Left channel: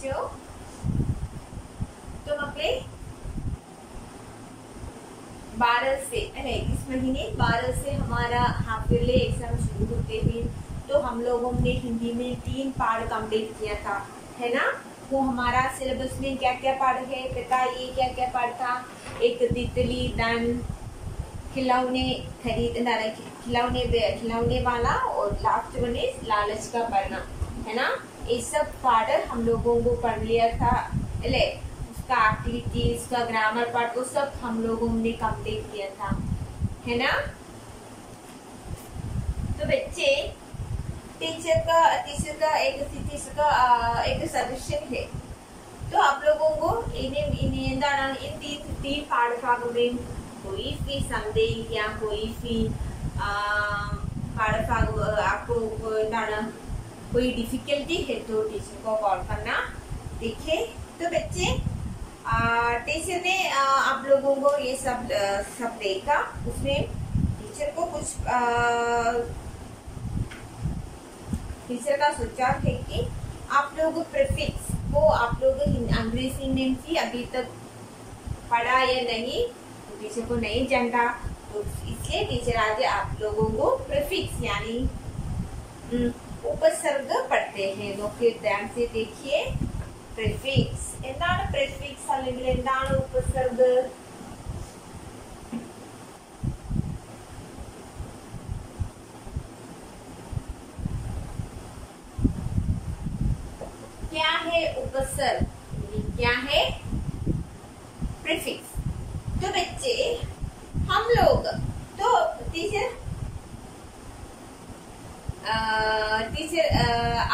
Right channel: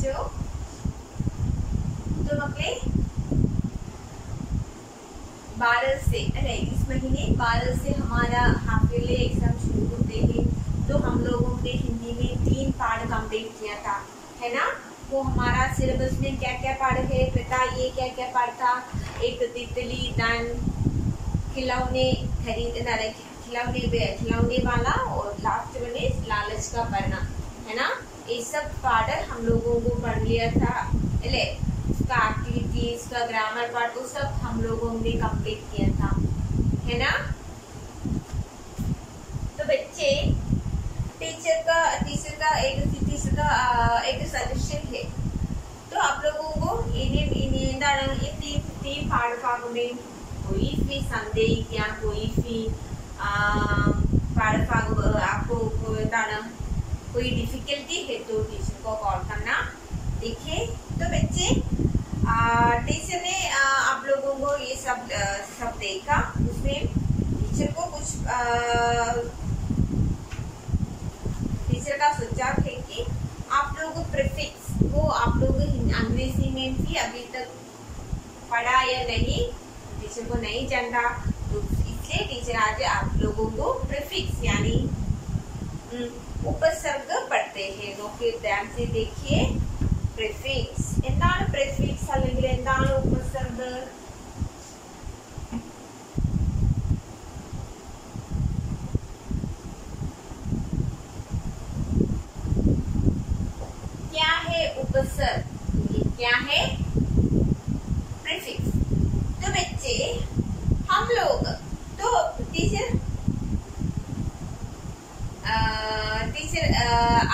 बच्चों, तो मक्के 12 से अरे इस महीने 12 से हमारा हाफ ईयरली एग्जाम शुरू होते हैं। तो हम लोगों ने हिंदी में 3 पार्ट कंप्लीट किया था, है ना। वो हमारा सिलेबस में क्या क्या पार्ट है पता, ये क्या क्या पार्ट था। एक तितली, डन, खिलौने खिलौने वाला, और लास्ट वन इज लालच का पढ़ना, है ना। ये सब पार्ट हम लोगों को पढ़ लिया था। उसका एक्टिविटी, उसका ग्रामर पार्ट, वो सब हम लोगों ने कंप्लीट किया था, है ना। तो बच्चे टीचर का एक सजेशन है। तो आप लोगों को इन 3 പാഠഭാഗങ്ങളെയും कोई भी संदेह या कोई भी പാഠഭാഗം आपको कोई डिफिकल्टी है तो टीचर को कॉल करना। देखिए तो बच्चे टीचर ने आप लोगों को ये सब देखा, उसमें टीचर को कुछ टीचर का सुझाव है कि आप लोग प्रीफिक्स वो आप लोग अंग्रेजी में भी अभी तक पढ़ा या नहीं, टीचर को नहीं जानता, तो इसलिए टीचर आज आप लोगों को प्रीफिक्स यानी उपसर्ग पढ़ते हैं। നോക്കി ध्यान से देखिए। प्रीफिक्स എന്താണ് പ്രീഫിക്സ് അല്ലെങ്കിൽ എന്താണ് ഉപസർഗ്? क्या है उपसर्ग, क्या है प्रीफिक्स? तो बच्चे हम लोग तो टीचर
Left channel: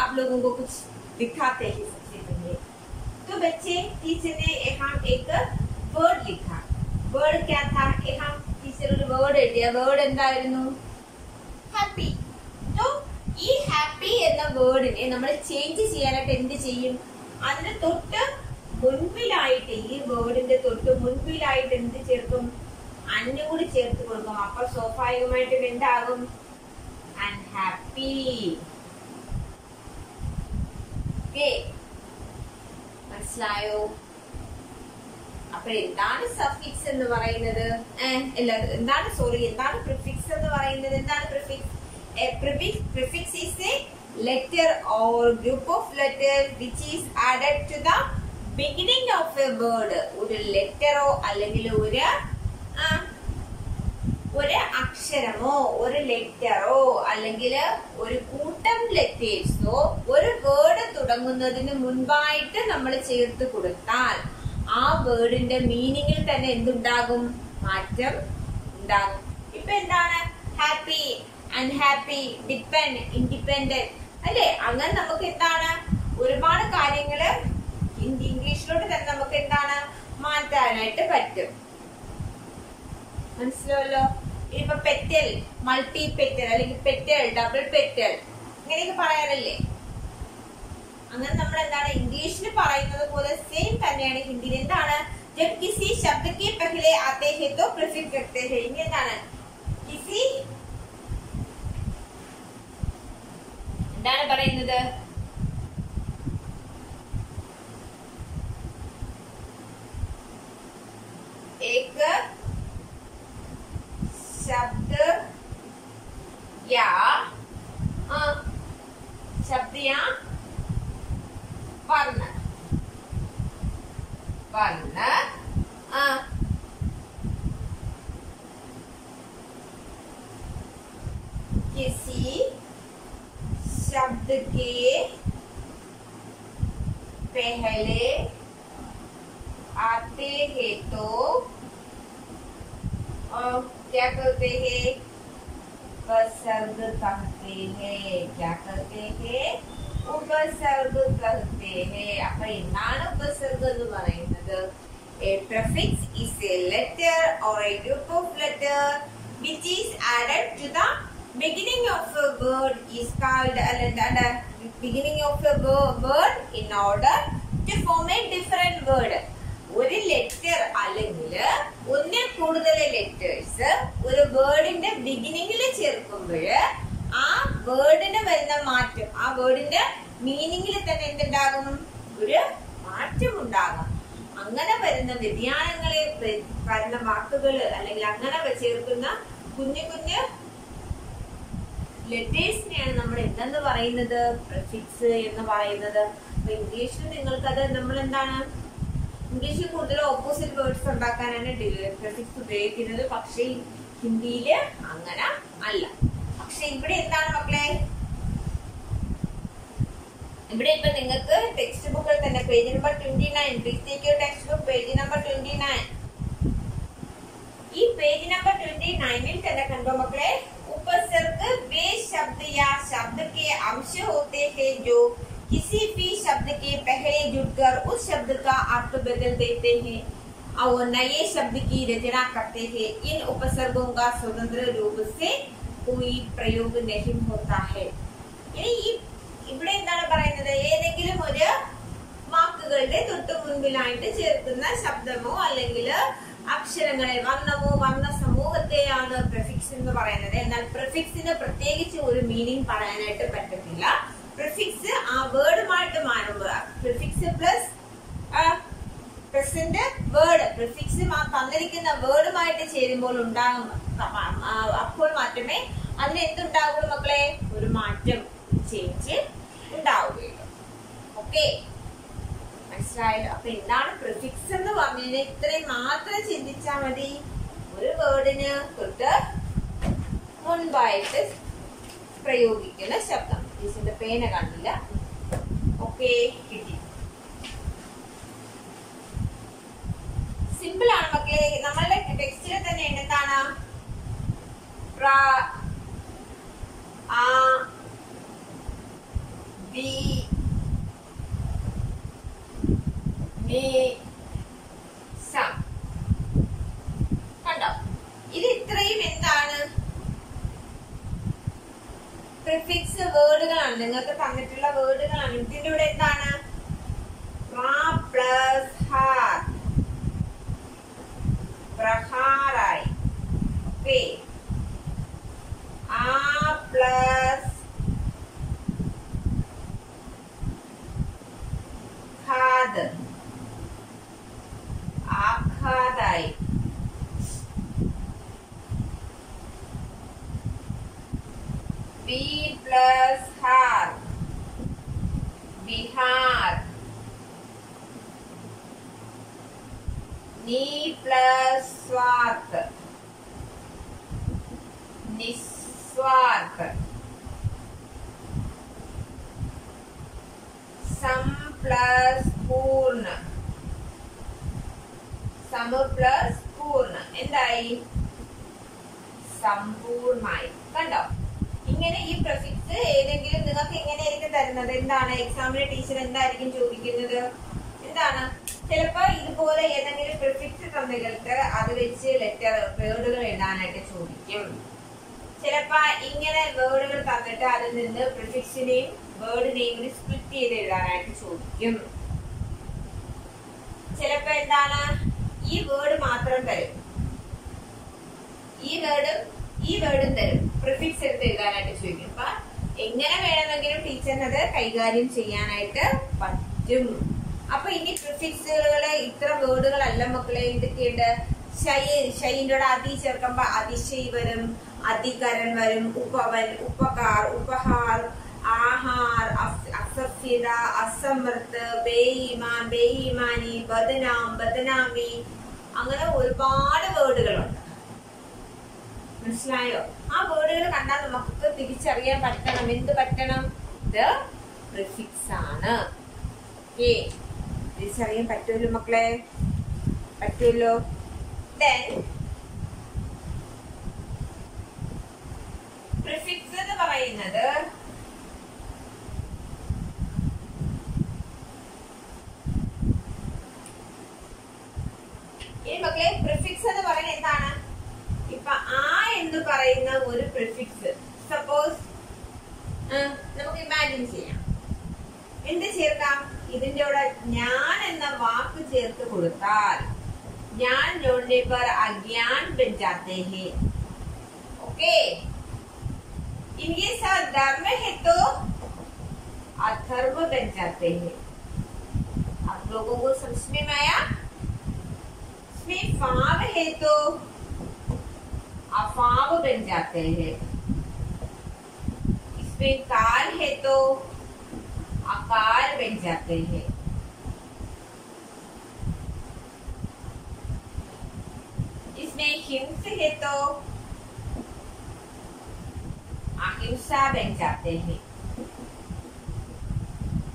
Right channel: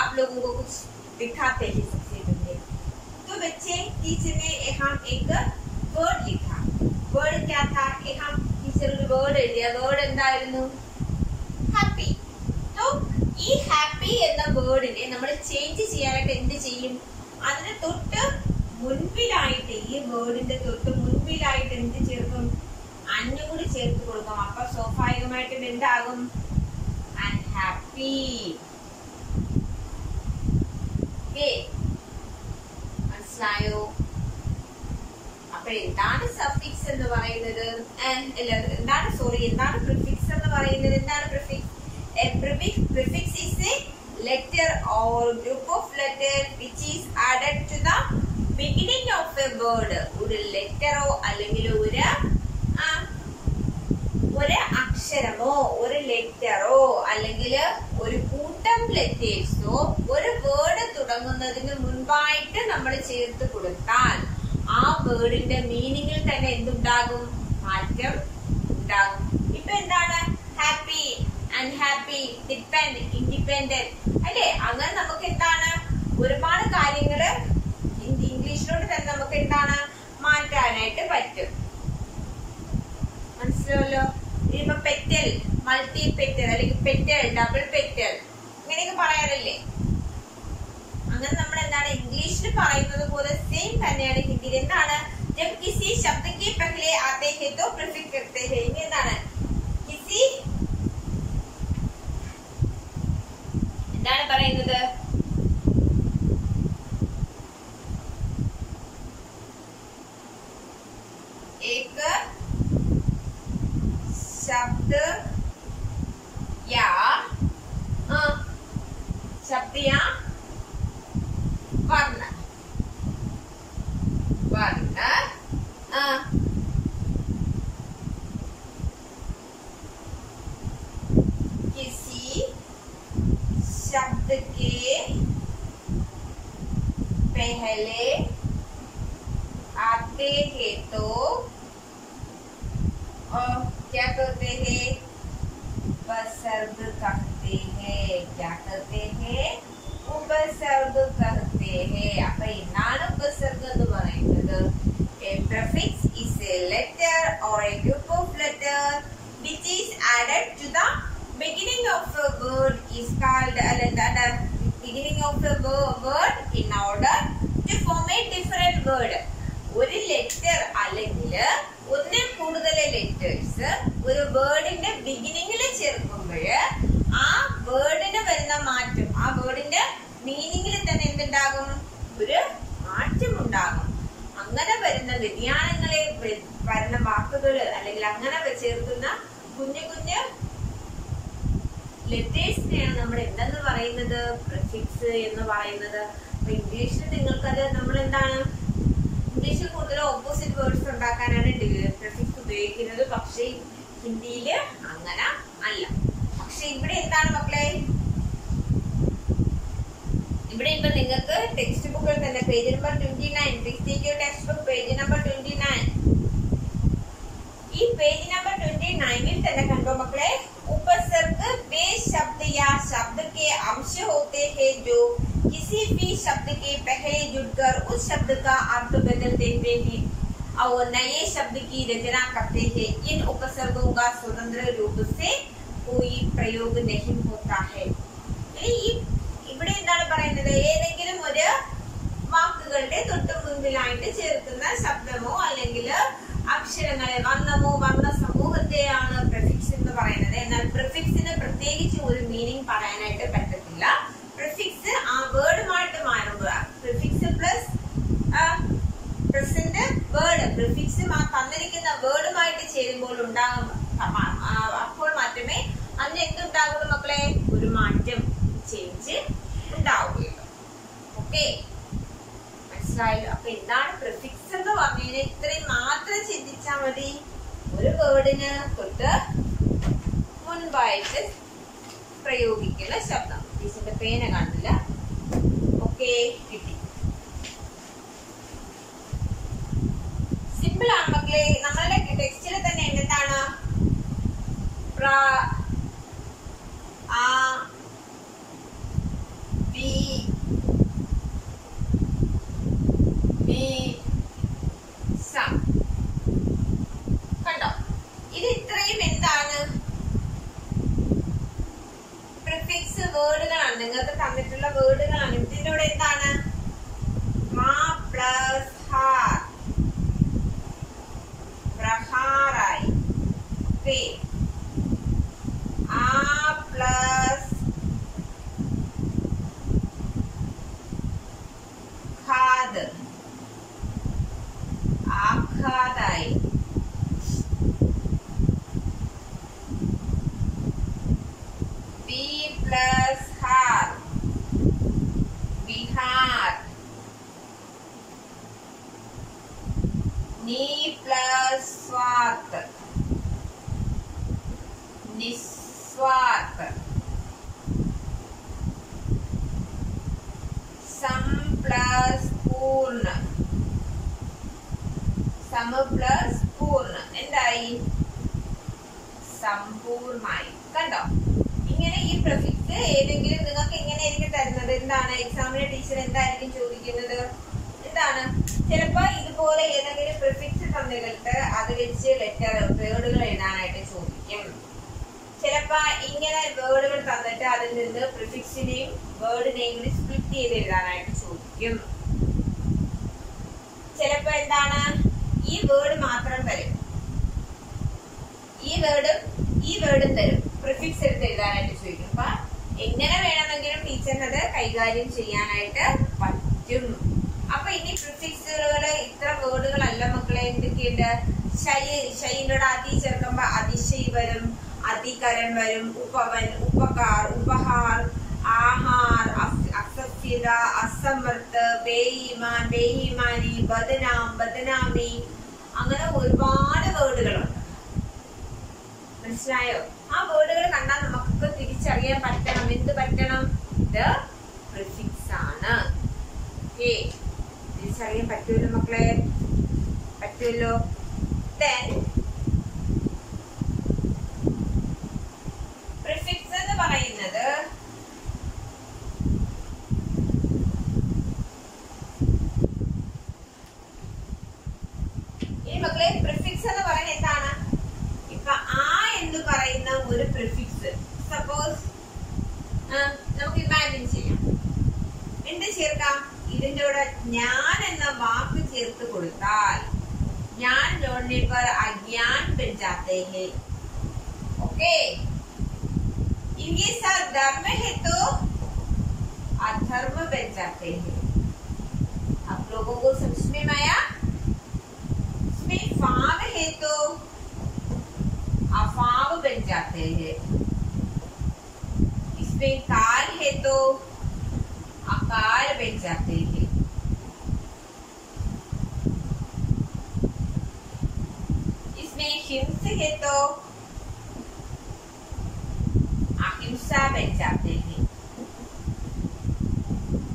आप लोगों को कुछ दिखाते हैं सबसे पहले। तो बच्चे टीचर ने यहाँ एक वर्ड लिखा। वर्ड क्या था? यहाँ टीचर ഒരു വേർഡ് എഴുതിയ വേർഡ് എന്തായിരുന്നു? ഹാപ്പി। तो ഈ ഹാപ്പി എന്ന വേർഡിനെ നമ്മൾ ചേഞ്ച് ചെയ്യാനായിട്ട് എന്ത് ചെയ്യും? അതിന് തൊട്ട് മുൻപിലായിട്ട്, ഈ വേർഡിന്റെ തൊട്ട് മുൻപിലായിട്ട് എന്ത് ചേർക്കും? അന്നൂടി ചേർത്ത് കൊടുക്കും. അപ്പൊ സ്വാഭാവികമായിട്ടും എന്താകും? അൺഹാപ്പി. മനസ്സിലായോ? അപ്പൊ എന്താണ് സഫിക്സ് എന്ന് പറയുന്നത്? എന്താണ് പ്രിഫിക്സ് എന്ന് പറയുന്നത്? എന്താണ് prefix? A prefix is a letter or group of letters which is added to the beginning of a word. ഒരു ലെറ്ററോ അല്ലെങ്കിൽ ഒരു അക്ഷരമോ ഒരു ലെറ്ററോ അല്ലെങ്കിൽ ഒരു കൂട്ടം ലെറ്റേഴ്സോ ഒരു വേർഡ് തുടങ്ങുന്നതിന് മുൻപായിട്ട് നമ്മൾ ചേർത്ത് കൊടുത്താൽ ആ വേർഡിന്റെ മീനിങ്ങിൽ തന്നെ എന്തുണ്ടാകും? മാറ്റം ഉണ്ടാകും. ഇപ്പൊ എന്താണ്? ഹാപ്പി, അൺഹാപ്പി, ഡിപ്പെൻഡ്, ഇൻഡിപെൻഡന്റ് അല്ലെ? അങ്ങനെ നമുക്ക് എന്താണ് ഒരുപാട് കാര്യങ്ങള് ഇംഗ്ലീഷിലോട്ട് തന്നെ നമുക്ക് എന്താണ് മാറ്റാനായിട്ട് പറ്റും. മനസ്സിലല്ലോ? ഇപ്പൊ പെറ്റൽ, മൾട്ടി പെറ്റൽ അല്ലെങ്കിൽ പെറ്റൽ, ഡബിൾ പെറ്റൽ ഇങ്ങനെയൊക്കെ പറയാറില്ലേ? അങ്ങനെ നമ്മൾ എന്താണ് ഇംഗ്ലീഷിൽ പറയുന്നത് പോലെ സെയിം തന്നെയാണ് ഹിന്ദിയിൽ. എന്താണ്? जब किसी शब्द के पहले आते हैं तो प्रीफिक्स करते हैं. ഇനി എന്താണ്? किसी എന്താണ് പറയുന്നത്? एक शब्द या वर्ण किसी शब्द के पहले आते हैं तो क्या करते हैं? उपसर्ग कहते हैं. क्या कहते हैं? उपसर्ग कहते हैं. അപ്പൊ എന്താണ് ഉപസർഗം എന്ന് പറയുന്നത്? A prefix is a letter or a group of letters which is added to the beginning of a word is called beginning of a word in order to form a different word. ഒരു letter അല്ലെങ്കിൽ ഒന്നിൽ കൂടുതൽ letters ഒരു വേർഡിന്റെ ബിഗിനിങ്ങിൽ ചേർക്കുമ്പോൾ ആ വേർഡിന് വരുന്ന മാറ്റം, ആ വേർഡിന്റെ മീനിങ്ങിൽ തന്നെ എന്തുണ്ടാകും? ഒരു മാറ്റമുണ്ടാകാം. അങ്ങനെ വരുന്ന വ്യതിയാനങ്ങളെ വരുന്ന വാക്കുകൾ അല്ലെങ്കിൽ അങ്ങനെ ചേർക്കുന്ന കുഞ്ഞു കുഞ്ഞു ലെറ്റേഴ്സിനെയാണ് നമ്മൾ എന്തെന്ന് പറയുന്നത്, പ്രിഫിക്സ് എന്ന് പറയുന്നത്. അപ്പൊ ഇംഗ്ലീഷിൽ നിങ്ങൾക്കത് നമ്മൾ എന്താണ്, ഇംഗ്ലീഷിൽ കൂടുതൽ ഓപ്പോസിറ്റ് വേർഡ്സ് ഉണ്ടാക്കാനാണ് പ്രിഫിക്സ് ഉപയോഗിക്കുന്നത്. പക്ഷെ ഹിന്ദിയില് അങ്ങനെ അല്ല. പക്ഷെ ഇവിടെ എന്താണ് മക്കളെ, ഇവിടെ ഇപ്പൊ നിങ്ങൾക്ക് ടെക്സ്റ്റ് ബുക്കിൽ തന്നെ page number 29, text book page number 29, ഈ പേജ് നമ്പർ 29 തന്നെ കണ്ടോ മക്കളെ, उपसर्ग वे शब्द या शब्द के अंश होते हैं जो किसी भी शब्द के पहले जुड़कर उस शब्द का अर्थ बदल देते हैं और नए शब्द की रचना करते हैं. इन उपसर्गों का स्वतंत्र रूप से कोई प्रयोग नहीं होता है. ഇവിടെ എന്താണ് പറയുന്നത്, ഏതെങ്കിലും ഒരു വാക്കുകളുടെ തൊട്ടു മുൻപിലായിട്ട് ചേർക്കുന്ന ശബ്ദമോ അല്ലെങ്കിൽ അക്ഷരങ്ങളെ, വർണ്ണമോ വർണ്ണ സമൂഹത്തെയാണ് പ്രിഫിക്സ് എന്ന് പറയുന്നത്. എന്നാൽ പ്രിഫിക്സിന് പ്രത്യേകിച്ച് ഒരു മീനിങ് പറയാനായിട്ട് പറ്റത്തില്ല. പ്രിഫിക്സ് ആ വേർഡുമായിട്ട് മാറുമ്പോൾ, prefix plus present word, prefix തന്നിരിക്കുന്ന വേർഡുമായിട്ട് ചേരുമ്പോൾ ഉണ്ടാകും, അപ്പോൾ മാത്രമേ അതിന് എന്തുണ്ടാകുള്ളൂ മക്കളെ, ഒരു മാറ്റം, ചേഞ്ച് ഉണ്ടാവുകയുള്ളൂ. ഓക്കെ, മനസ്സിലായല്ലോ. അപ്പൊ എന്താണ് പ്രിഫിക്സ് എന്ന് പറഞ്ഞാൽ ഇത്രയും മാത്രം ചിന്തിച്ചാൽ മതി. ഒരു വേർഡിന് തൊട്ട് മുൻപായിട്ട് പ്രയോഗിക്കുന്ന ശബ്ദം. ടീച്ചറിന്റെ പേന കണ്ടില്ല. ഓക്കെ, കിട്ടി. സിമ്പിൾ ആണ് മക്കളെ. നമ്മളുടെ ടെക്സ്റ്റിൽ തന്നെ എന്താണ്, പ്ര, ആ, ബി, കണ്ടോ, ഇത് ഇത്രയും എന്താണ്, പ്രിഫിക്സ് വേർഡുകളാണ്, നിങ്ങൾക്ക് തന്നിട്ടുള്ള വേർഡുകളാണ്. ഇതിന്റെ കൂടെ എന്താണ്, മാ പ്ലസ് ഹാർ, പ്രഹാറായി. ഓക്കെ, ആ പ്ലസ് ഖാദ്, ആഘാതായി. ബി പ്ലസ് ഹാർ, ബിഹാർ. നി പ്ലസ് സ്വാർത്ത്, നിസ്വാർത്ത്. സം പ്ലസ് പൂർണ്ണ, സമ പ്ലസ് പൂർണ്ണ. എന്തായി, സമ്പൂർണ്ണമായി. കണ്ടോ, ഇങ്ങനെ ഈ പ്രിഫിക്സ് ഏതെങ്കിലും നിങ്ങൾക്ക് എങ്ങനെയായിരിക്കും തരുന്നത്, എന്താണ് എക്സാമിന് ടീച്ചർ എന്തായിരിക്കും ചോദിക്കുന്നത്, എന്താണ്, ചിലപ്പോ ഇതുപോലെ ഏതെങ്കിലും പ്രിഫിക്സ് തന്നിട്ട് അത് വെച്ച് ലെറ്റർ വേർഡുകൾ എഴുതാനായിട്ട് ചോദിക്കും. ചിലപ്പോ ഇങ്ങനെ വേർഡുകൾ തന്നിട്ട് അതിൽ നിന്ന് പ്രിഫിക്സിനെയും വേർഡ് നെയിമിനെ സ്പ്ലിറ്റ് ചെയ്ത് എഴുതാനായിട്ട് ചോദിക്കും. ചിലപ്പോ എന്താണ്, ഈ വേർഡ് മാത്രം തരും, ഈ വേർഡും തരും, പ്രിഫിക്സ് എടുത്ത് എഴുതാനായിട്ട് ചോദിക്കും. അപ്പൊ എങ്ങനെ വേണമെങ്കിലും ടീച്ചറിനത് കൈകാര്യം ചെയ്യാനായിട്ട് പറ്റും. അപ്പൊ ഇനി പ്രിഫിക്സുകള് ഇത്ര വേർഡുകളല്ല മക്കളെ. എന്തൊക്കെയുണ്ട്, ഷൈന്റെ കൂടെ അതി ചേർക്കുമ്പോ അതിശയ് വരും, അധികരൻ വരും, ഉപവൻ, ഉപകാർ, ഉപഹാർ, ആഹാർ, അസഫ്യത, അസമർത്ത്, ബേയിമാൻ, ബേയിമാനി, ബദനാം, ബദനാമി, അങ്ങനെ ഒരുപാട് വേർഡുകളുണ്ട്. മനസ്സിലായോ? ആ വേർഡുകൾ കണ്ടാൽ നമുക്ക് തിരിച്ചറിയാൻ പറ്റണം. എന്ത് പറ്റണം? ഇത് പ്രിഫിക്സ് ആണ്. ഓക്കെ, തിരിച്ചറിയാൻ പറ്റുമല്ലോ മക്കളെ, പറ്റുമല്ലോ. പ്രിഫിക്സ് എന്ന് പറയുന്നത് ഇനി മക്കളെ പ്രിഫിക്സ് എന്ന് പറയുന്നത് എന്താണ്? ഇപ്പൊ ആ എന്ന് പറയുന്ന ഒരു പ്രിഫിക്സ്, സപ്പോസ് നമുക്ക് ഇമാജിൻ ചെയ്യാം, എന്ത് ചേർക്കാം? ഇതിന്റെ കൂടെ ഞാൻ എന്ന വാക്ക് ചേർത്ത് കൊടുത്താൽ ज्ञान जोड़ने पर अज्ञान बन जाते हैं. ओके, इनके साथ धर्म है तो अधर्म बन जाते हैं. आप लोगों को समझ में आया? इसमें फाव है तो अफाव बन जाते हैं, इसमें कार है तो आकार बन जाते हैं, इसमें हिंस है तो अहिंसा बन जाते हैं।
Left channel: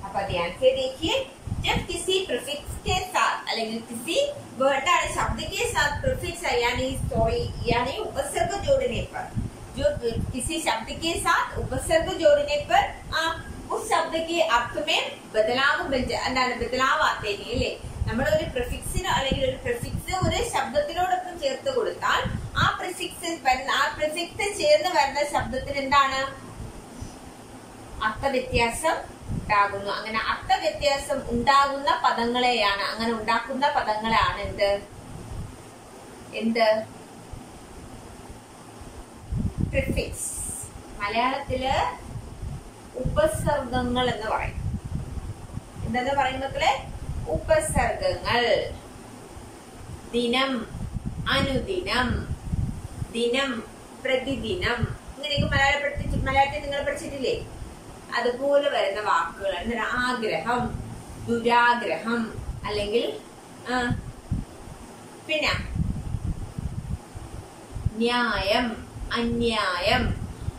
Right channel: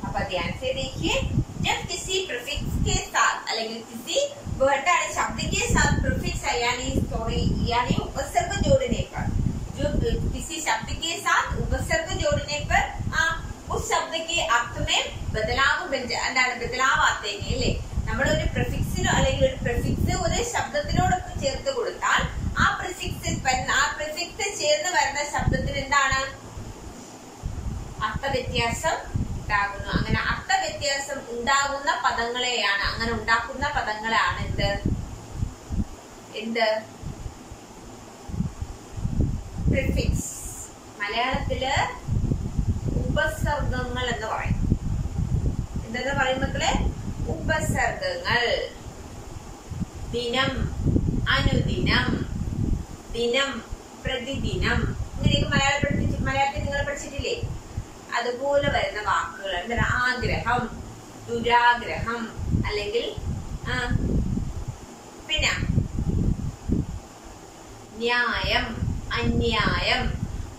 अब ध्यान से देखिए, जब किसी प्रीफिक्स के साथ അല്ലെങ്കിൽ किसी वर्ड शब्द के साथ प्रीफिक्स यानी उपसर्ग जोड़ने पर, जो किसी शब्द के साथ उपसर्ग जोड़ने पर उस शब्द के अर्थ में ബദലാവ് ആത്തെ അല്ലേ? നമ്മൾ ഒരു പ്രിഫിക്സിനോ അല്ലെങ്കിൽ ഒരു പ്രിഫിക്സ് ഒരു ശബ്ദത്തിനോടൊപ്പം ചേർത്ത് കൊടുത്താൽ ആ പ്രിഫിക്സ് ചേർന്ന് വരുന്ന ശബ്ദത്തിന് എന്താണ് അർത്ഥവ്യത്യാസം ഉണ്ടാകുന്നു. അങ്ങനെ അർത്ഥവ്യത്യാസം ഉണ്ടാകുന്ന പദങ്ങളെയാണ്, അങ്ങനെ ഉണ്ടാക്കുന്ന പദങ്ങളാണ് എന്ത് പ്രിഫിക്സ്. മലയാളത്തില് ഉപസർഗങ്ങൾ എന്ന് പറയും. എന്താ പറയും മക്കളെ? ഉപസർഗങ്ങൾ. ദിനം, അനുദിനം, ദിനം, പ്രതിദിനം, ഇങ്ങനെയൊക്കെ മലയാളത്തിൽ നിങ്ങൾ പഠിച്ചിട്ടില്ലേ? അതുപോലെ വരുന്ന വാക്കുകൾ. എന്താ? ആഗ്രഹം, ദുരാഗ്രഹം, അല്ലെങ്കിൽ പിന്നെ ന്യായം, അന്യായം,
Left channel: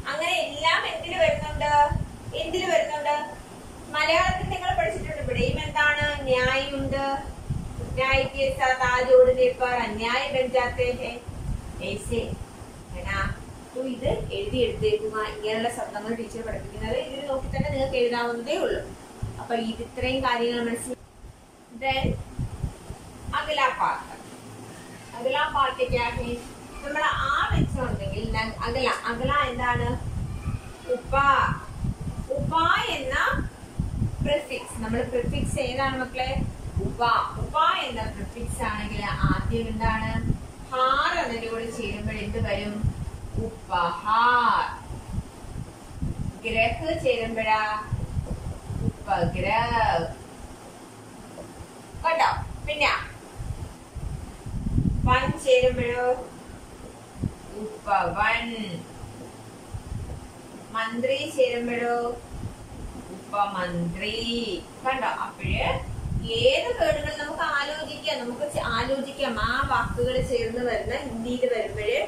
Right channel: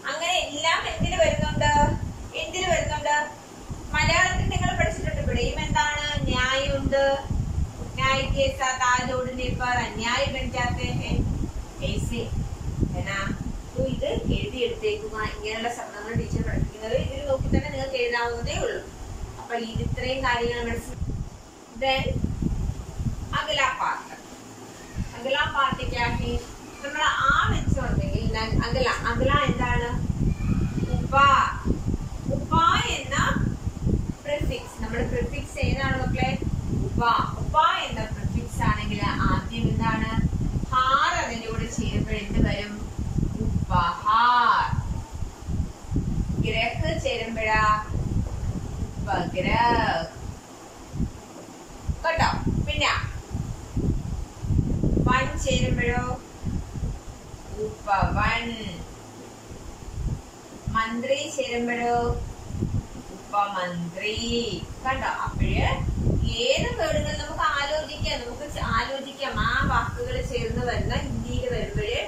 അങ്ങനെ എല്ലാം എന്തിനു വരുന്നുണ്ട്? മലയാളത്തിൽ നിങ്ങൾ പഠിച്ചിട്ടുണ്ട്. ഇവിടെയും എന്താണ്? ന്യായുണ്ട്. न्याय के साथ आ जोड़ने पर अन्याय बन जाते हैं, ऐसे है ना? तो ഇത് എഴുതി എടുത്തേക്കുക. ഇങ്ങനെയുള്ള ശബ്ദങ്ങൾ ടീച്ചർ പഠിപ്പിക്കുന്നത് ഇതിൽ നോക്കി തന്നെ നിങ്ങൾക്ക് എഴുതാവുന്നതേ ഉള്ളൂ. അപ്പൊ ഇത്രയും കാര്യങ്ങൾ മനസ്സിലായി. അഗലാ പാർട്ട് क्या है? നമ്മൾ ആ വെച്ചുണ്ടെങ്കിൽ അഗല എന്താണ്? ഉപ എന്ന പ്രിഫിക്സ്. നമ്മൾ പ്രിഫിക്സ് ഏതാണ് മക്കളെ? ഉപ എന്ന പ്രിഫിക്സ് ആണെങ്കിൽ ആദ്യം എന്താണ്? ഹാർ അതിന്റെ കൂടെ ചേരുമ്പോൾ എന്ത് വരും? ഉപഹാർ. ഗ്രഹ ചേരുമ്പോഴാ ഉപഗ്രഹ. കേട്ടോ? പിന്നെ വൻ ചേരുമ്പോഴോ ഉപവൻ. മന്ത്രി ചേരുമ്പോഴോ ഉപമന്ത്രി. കണ്ടോ? അപ്പോഴ് ഏത് വേർഡുകൾ നമുക്ക് ആലോചിക്കാം. ആ വാക്കുകൾ ചേർന്ന് വരുന്ന ഹിന്ദിയിൽ വരുമ്പോഴ്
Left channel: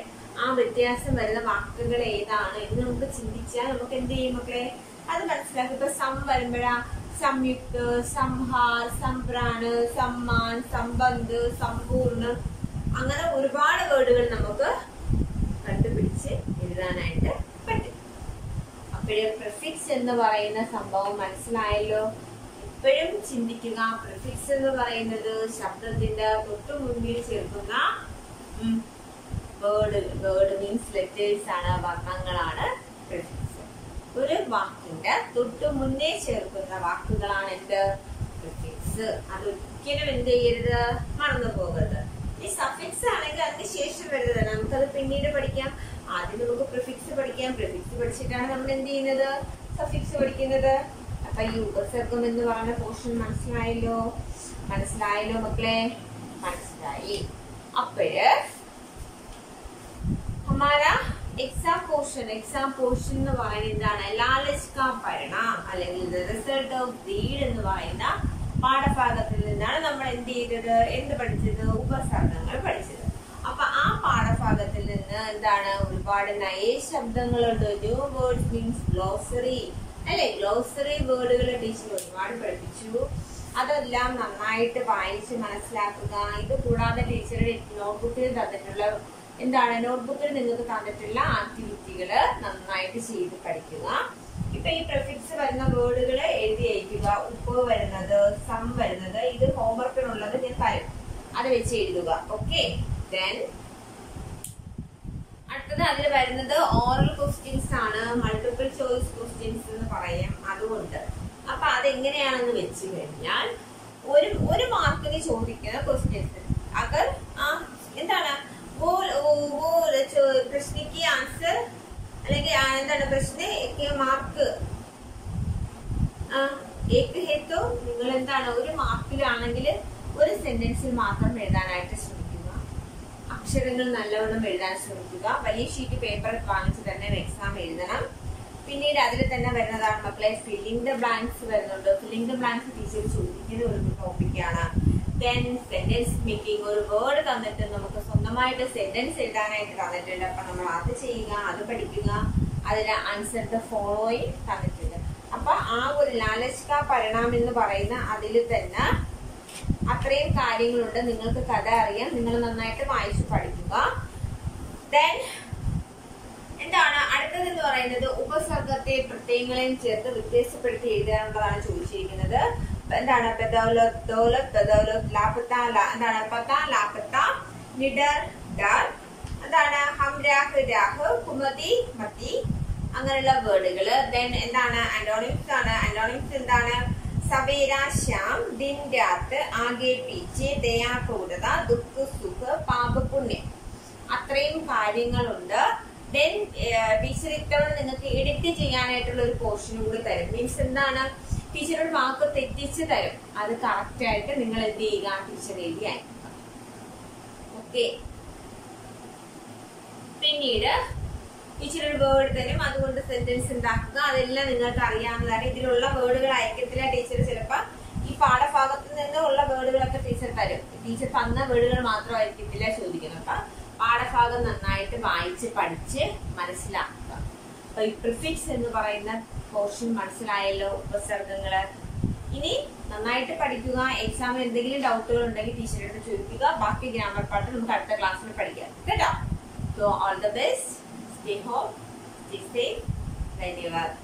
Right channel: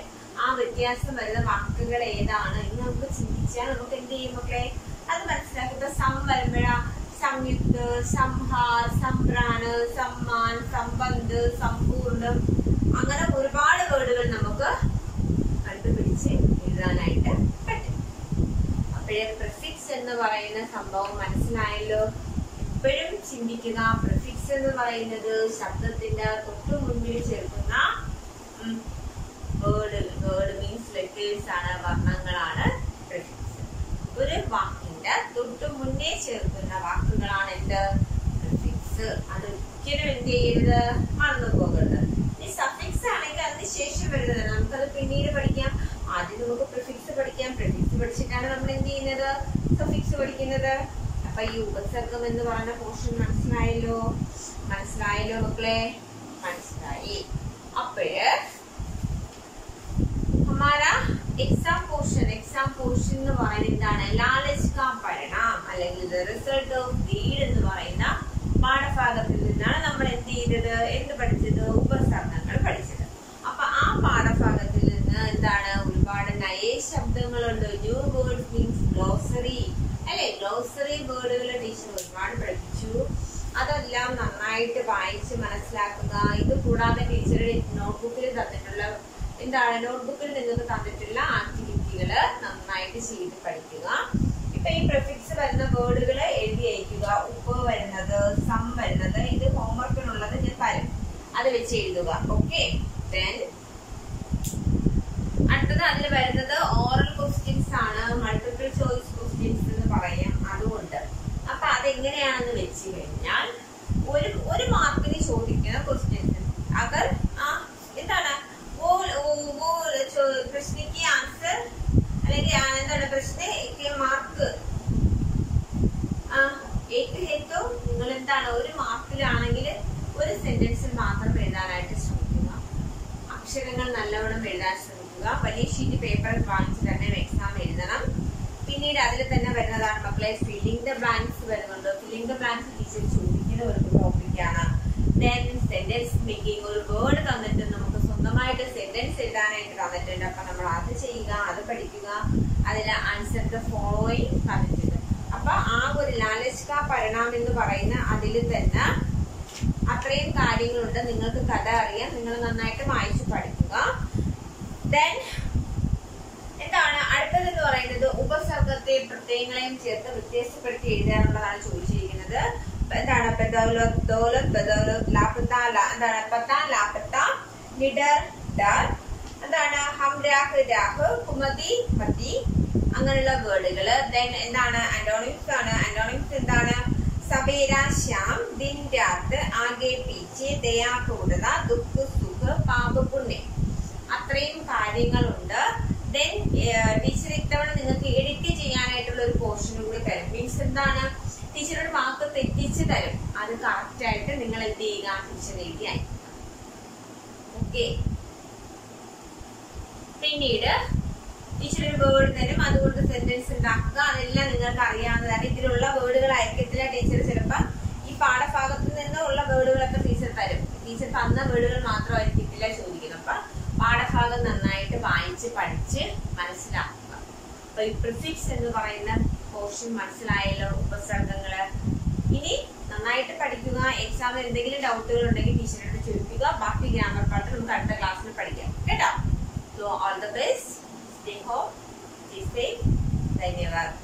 ആ വ്യത്യാസം വരുന്ന വാക്കുകൾ ഏതാണ് എന്ന് നമുക്ക് ചിന്തിച്ചാൽ നമുക്ക് എന്ത് ചെയ്യും മക്കളെ? അത് മനസ്സിലാക്കി. ഇപ്പൊ സം വരുമ്പോഴാ സംയുക്ത, സംഹാർ, സംഭ്രാണ്, സമ്മാൻ, സംബന്ധ്, സമ്പൂർണ്ണം, അങ്ങനെ ഒരുപാട് വേർഡുകൾ നമുക്ക് കണ്ടുപിടിച്ച് എഴുതാനായിട്ട് പറ്റും. അപ്പോഴേ പ്രിഫിക്സ് എന്ന് പറയുന്ന സംഭവം മനസ്സിലായല്ലോ. ഇപ്പോഴും ചിന്തിക്കുക, പ്രിഫിക്സ് എന്ന് പറയുന്നത് ശബ്ദത്തിന്റെ തൊട്ടു മുൻപിൽ ചേർക്കുന്ന വേർഡ് മീൻസ് ലെറ്റേഴ്സ് ആണ്, വർണ്ണങ്ങളാണ് പ്രിഫിക്സ്. ഒരു വാക്കിന്റെ തൊട്ടു മുന്നേ ചേർക്കുന്ന വാക്കുകളാണ് എന്ത്? പ്രിഫിക്സ്. അതൊരിക്കലും എന്ത് ചെയ്യരുത്? മറന്നു പോകരുത്. ഈ സഫിക്സ് ആണെങ്കിൽ അതിന് ശേഷം വരുന്നത് നമുക്കത് പിന്നീട് പഠിക്കാം. ആദ്യം നമുക്ക് പ്രിഫിക്സ് പഠിക്കാം. പ്രിഫിക്സ് പഠിച്ചിട്ടാണ് നമ്മൾ എന്ത് ചെയ്യുന്നത്? സഫിക്സ് പഠിക്കുന്നത്. അപ്പൊ ഈ ഉപസർഗം എന്ന് പറയുന്ന പോർഷൻ മനസ്സിലായല്ലോ മക്കളെ? മനസ്സിലായി. അപ്പോഴ് हमारा एग्जाम पोर्शन എന്ന് പറയുന്നത് എന്താണ്? ലാലച്ച് കാ പരിണാം അല്ലെങ്കിൽ റിസൾട്ട് ഓഫ് ഡീഡ് എന്ന് പറയുന്ന പാഠഭാഗത്തിൽ നിന്നാണ് നമ്മൾ എന്ത് പഠിച്ചത്? ഉപസർഗങ്ങൾ പഠിച്ചത്. അപ്പൊ ആ പാഠഭാഗത്തിൽ നിന്ന് എന്താണ്? ഒരുപാട് നയ ശബ്ദങ്ങളുണ്ട്. ന്യൂ വേർഡ്സ് മീൻസ് ഗ്ലോസറി അല്ലെ? ഗ്ലോസറി വേർഡുകൾ ടീച്ചർ ഒരുപാട് പഠിപ്പിച്ചു. അതെല്ലാം നന്നായിട്ട് വായിച്ച് മനസ്സിലാക്കുക. ഇത് കൂടാതെ ടീച്ചറുടെ നോട്ട്ബുക്കിൽ തന്നിട്ടുള്ള നോട്ട്ബുക്കിൽ നിങ്ങൾക്ക് തന്നിട്ടുള്ള ആക്ടിവിറ്റികള് നന്നായിട്ട് ചെയ്ത് പഠിക്കുക. ഇപ്പൊ ഈ പ്രിഫിക്സ് വരുന്ന വേർഡുകൾ എഴുതി അയക്കുക. ഉപ്പ് വരുന്നത്, സം വരുന്നത്, ഇത് ഹോംവർക്കിനുള്ളത് ഞാൻ തരും. അത് വെച്ച് എഴുതുക. ഓക്കെ. ദെൻ അടുത്തത് അതിൽ വരുന്നത് ഓറൽ ക്വസ്റ്റ്യൻസ് ആണ്. മൾട്ടിപ്പിൾ ചോയ്സ് ക്വസ്റ്റ്യൻസ് എന്ന് പറയാം. അതുകൊണ്ട് അപ്പൊ അതെങ്ങനെയാണെന്ന് വെച്ച് കഴിഞ്ഞാൽ ഒരു മാർക്കിന് ചോദിക്കുന്ന ക്വസ്റ്റ്യൻസ് അഗർ എന്താണ് प्रश्न की आंसर അല്ലെങ്കിൽ എന്താണ് പ്രശ്ന മാർക്ക് ഏക് ഹേത്തോ നിങ്ങൾ എന്താണ് ഒരു മാർക്കിലാണെങ്കിൽ ഒരു സെന്റൻസിൽ മാത്രം എഴുതാനായിട്ട് ശ്രമിക്കുക. അക്ഷരങ്ങൾ നല്ലവണ്ണം എഴുതാൻ ശ്രമിക്കുക. വലിയ ഷീറ്റ് പേപ്പർ വാങ്ങിച്ച് തന്നെ എക്സാം എഴുതണം. പിന്നീട് അതിൽ തന്നെ വരുന്നതാണ് മക്കളെ ഫില്ലിംഗ് ദ ബ്ലാങ്ക്സ് വരുന്നുണ്ട്. ഫില്ലിംഗ് ദ ബ്ലാങ്ക്സ് ടീച്ചർ ചോദിക്കുന്ന ഒരു ടോപ്പിക്കാണ്. ദെൻ സെന്റൻസ് മേക്കിംഗ്, ഒരു വേർഡ് തന്നിട്ട് നമുക്ക് സ്വന്തമായിട്ട് സെന്റൻസ് എഴുതാനായിട്ട് തന്നിട്ടുണ്ട്. അപ്പൊ നമ്മൾ അത് ചെയ്യുക, അത് പഠിക്കുക. അതിൽ ആൻസർ ദ ഫോളോയിങ് തന്നിട്ടുണ്ട്. അപ്പൊ ആ ഒരു ലാലച്ച് കാ പരിണാം എന്ന് പറയുന്ന അതിൽ തന്നെ അത്രയും കാര്യങ്ങളുണ്ട്. നിങ്ങൾക്ക് കഥ അറിയാം, നിങ്ങൾ നന്നായിട്ട് വായിച്ചു പഠിക്കുക. ദെൻ എന്താണ് അടുത്തതെന്ന് പറയുന്നത് ഉപസർഗത്തെ പ്രത്യയങ്ങളെയും ചേർത്ത് വ്യത്യാസപ്പെടുത്തി എഴുതാനുള്ളതാണ് ചോദിച്ചിരിക്കുന്നത്. എന്താണ് ബദൗലത്, ദൗലത്, ബദൗലത്, ലാപത്ത, എന്താണ് പത്ത, ലാപത്ത, നിഡർ, ഡർ, എന്താണ് ഹം, രാഹ്, രാഹ്, കുമതി, മതി, അങ്ങനെയുള്ള വേർഡുകള്. ദെൻ എന്താണ് ആന്റോണിംസ് ആണ്. ആന്റോണിംസ് എന്താണ് സവേര, ശ്യാം, ദിൻ, രാത്ത്, ആകെ, പീച്ചെ, ദയാ, ക്രൂരത, ദുഃഖ്, സുഖ്, പാപ, പുണ്യം. അത്രയും കാര്യങ്ങളുണ്ട്. ദെൻ ടീച്ചർ ഇത്തവണ നിങ്ങൾക്ക് എഡിറ്റ് ചെയ്യാനായിട്ടുള്ള ഒരു പോർഷൻ കൂടി തരും. മീൻസ് എന്താണ് ടീച്ചറുടെ വാക്ക് തെറ്റിച്ച് തരും. അത് കറക്റ്റ് ആയിട്ട് നിങ്ങൾ എന്ത് ചെയ്യുക, ടീച്ചർ എഴുതി അയക്കുക. ഓക്കെ. പിന്നീട് ടീച്ചർ ഒരു വേർഡ് തരും, അതുകൊണ്ട് സെന്റൻസ് ഉണ്ടാക്കുക. അതെല്ലാം നിങ്ങൾക്ക് അറിയാവുന്നതാണ്. ഇതിലുള്ള വേർഡുകൾ അയക്കത്തില്ല ടീച്ചർ. ചിലപ്പോ ഈ പാഠഭാഗത്ത് നിന്നുള്ള വേർഡുകളൊക്കെ ടീച്ചർ തരും. ടീച്ചർ തന്ന വേർഡുകൾ മാത്രം ആയിരിക്കത്തില്ല ചോദിക്കുന്നത്. അപ്പൊ പാഠഭാഗം നന്നായിട്ട് വായിച്ച് പഠിച്ച് മനസ്സിലാക്കുക. അപ്പൊ ഈ പ്രിഫിക്സ് എന്ന് പറയുന്ന പോർഷൻ മനസ്സിലായല്ലോ, ഉപസർഗങ്ങള്. ഇനി നന്നായിട്ട് പഠിക്കുക. എക്സാമിൽ എന്തെങ്കിലും ഡൗട്ടുകൾ ഉണ്ടെങ്കിൽ ടീച്ചറോട് ചോദിക്കുക. ബാക്കി ഗ്രാമർ പാർട്ട് നമുക്ക് അടുത്ത ക്ലാസ്സിൽ പഠിക്കാം കേട്ടോ. So all the best. Stay home, stay safe. ധന്യവാദം.